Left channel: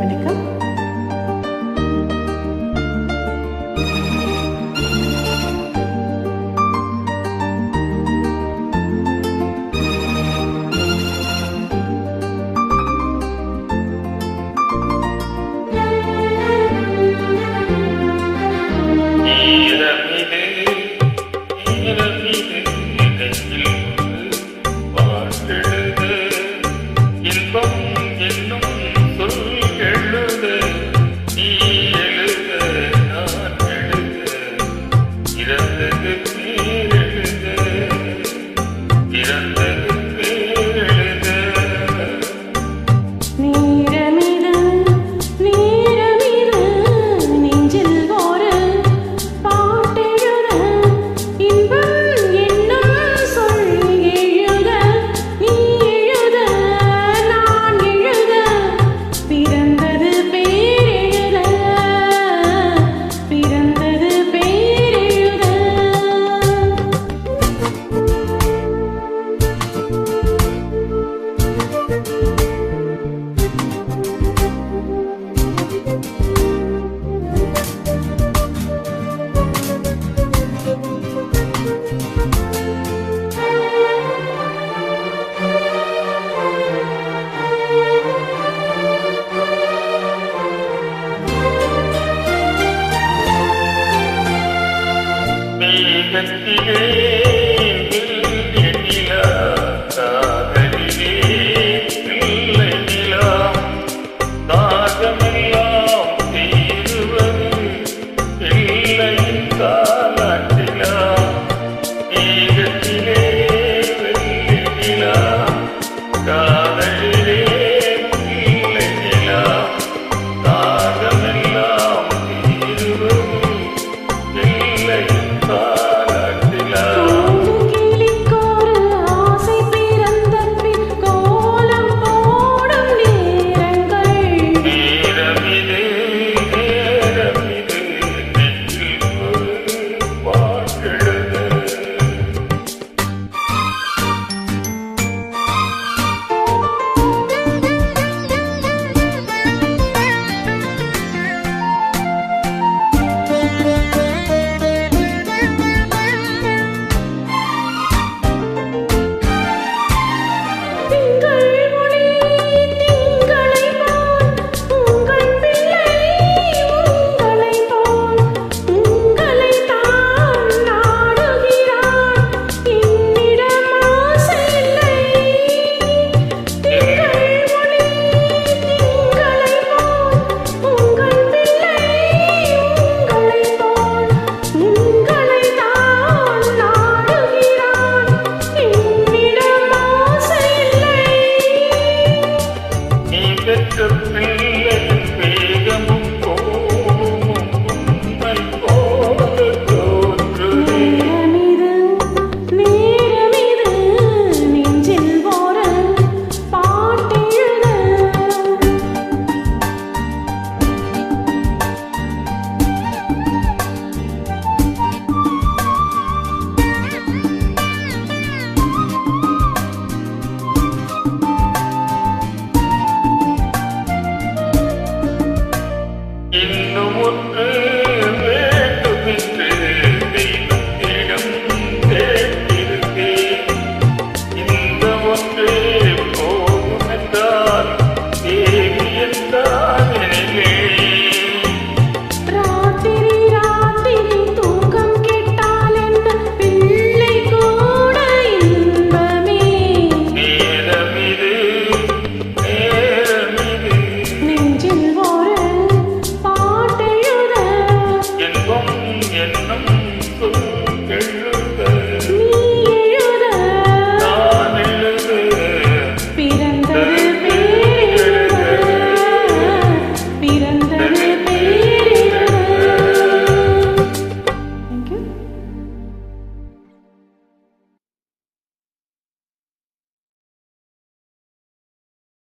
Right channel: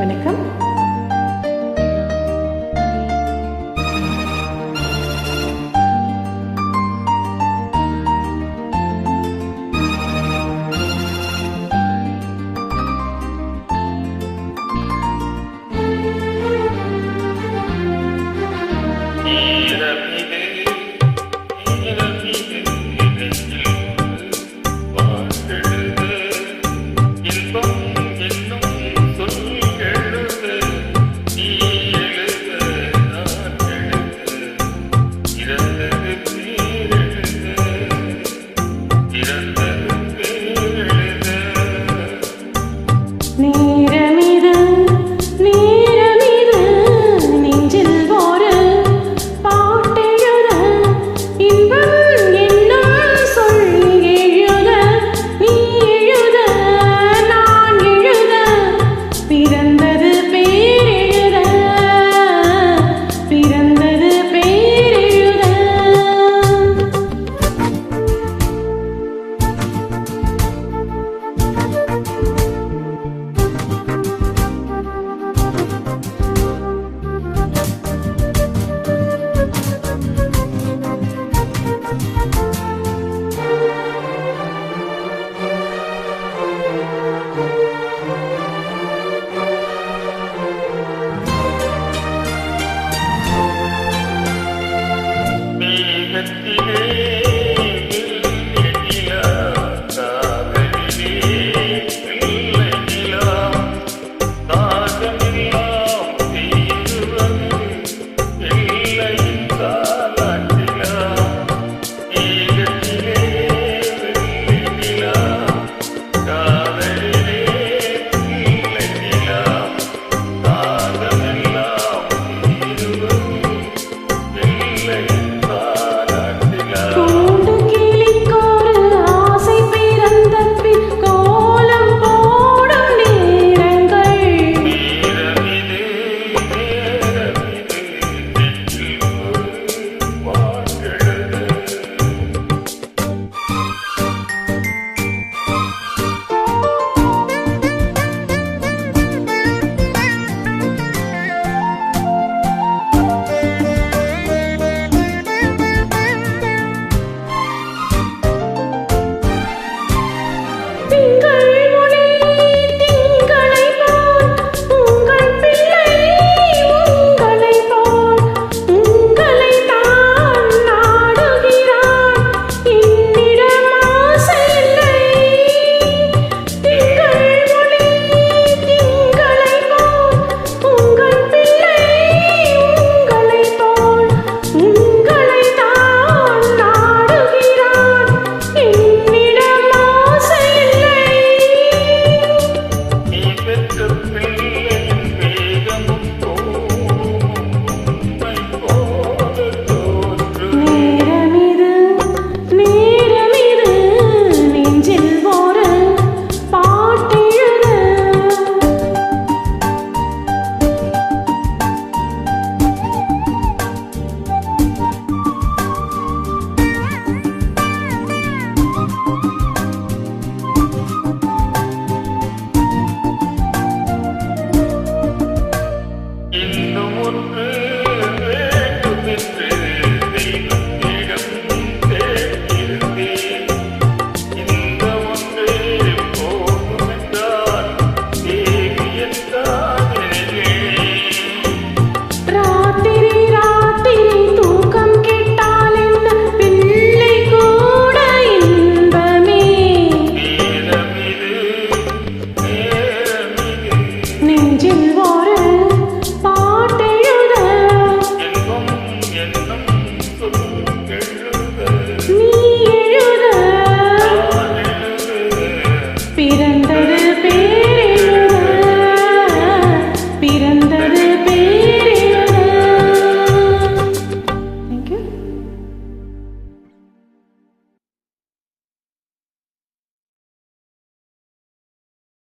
வணக்கம். இன்பம் என்னும் சொல் எழுத நீ எழுத நான் எழுத இறந்தது பேரெழுத இறந்தது பேரெழுத நீரமிது நீரமிது நெஞ்சில் ஒரு பாட்டெழுத இன்பம் என்னும் சொல் எழுத நீ எழுத நான் எழுத பிறந்தது பேரெழுத பிறந்தது பேரெழுத. மேகத்திலே நிலா காதலிலே பிள்ளை நிலா தாகமெல்லாம் தீருவது பிள்ளையின் தாலாட்டிலா மேகத்திலே வெள்ளி நிலா காதலிலே பிள்ளை நிலா தாகமெல்லாம் தீருவது பிள்ளையின் கூண்டு கிளிக்கொரு ஆசை பிறந்த பின் கோலம் போடும் நேரங்கள் நேரமிது நேரமிது நெஞ்சில் ஒரு பாட்டெழுத திங்கள் ஒளி திங்களை போல் உங்கள் பிள்ளை உங்களை போல் உங்களை தான் நாடுகிறான் என்னிடம் ஆசை இல்லை. திங்கள் ஒளி திங்களை போல் உங்கள் பிள்ளை உங்களை போல் உங்களை தான் நாடுகிறான் என்னிடம் ஆசை இல்லை. நீ பெற்ற பிள்ளையின் வேகமும் கோபமும் உன்னை போல தோன்றுதே நேரமிது நேரமிது நெஞ்சில் ஒரு பாட்டெழுத இன்னும் ஒன்று வேண்டுமென்று தெய்வத்திடம் கேட்டிருந்தேன். இந்த ஒன்றே போகும் என்றால் தேவி என்றால்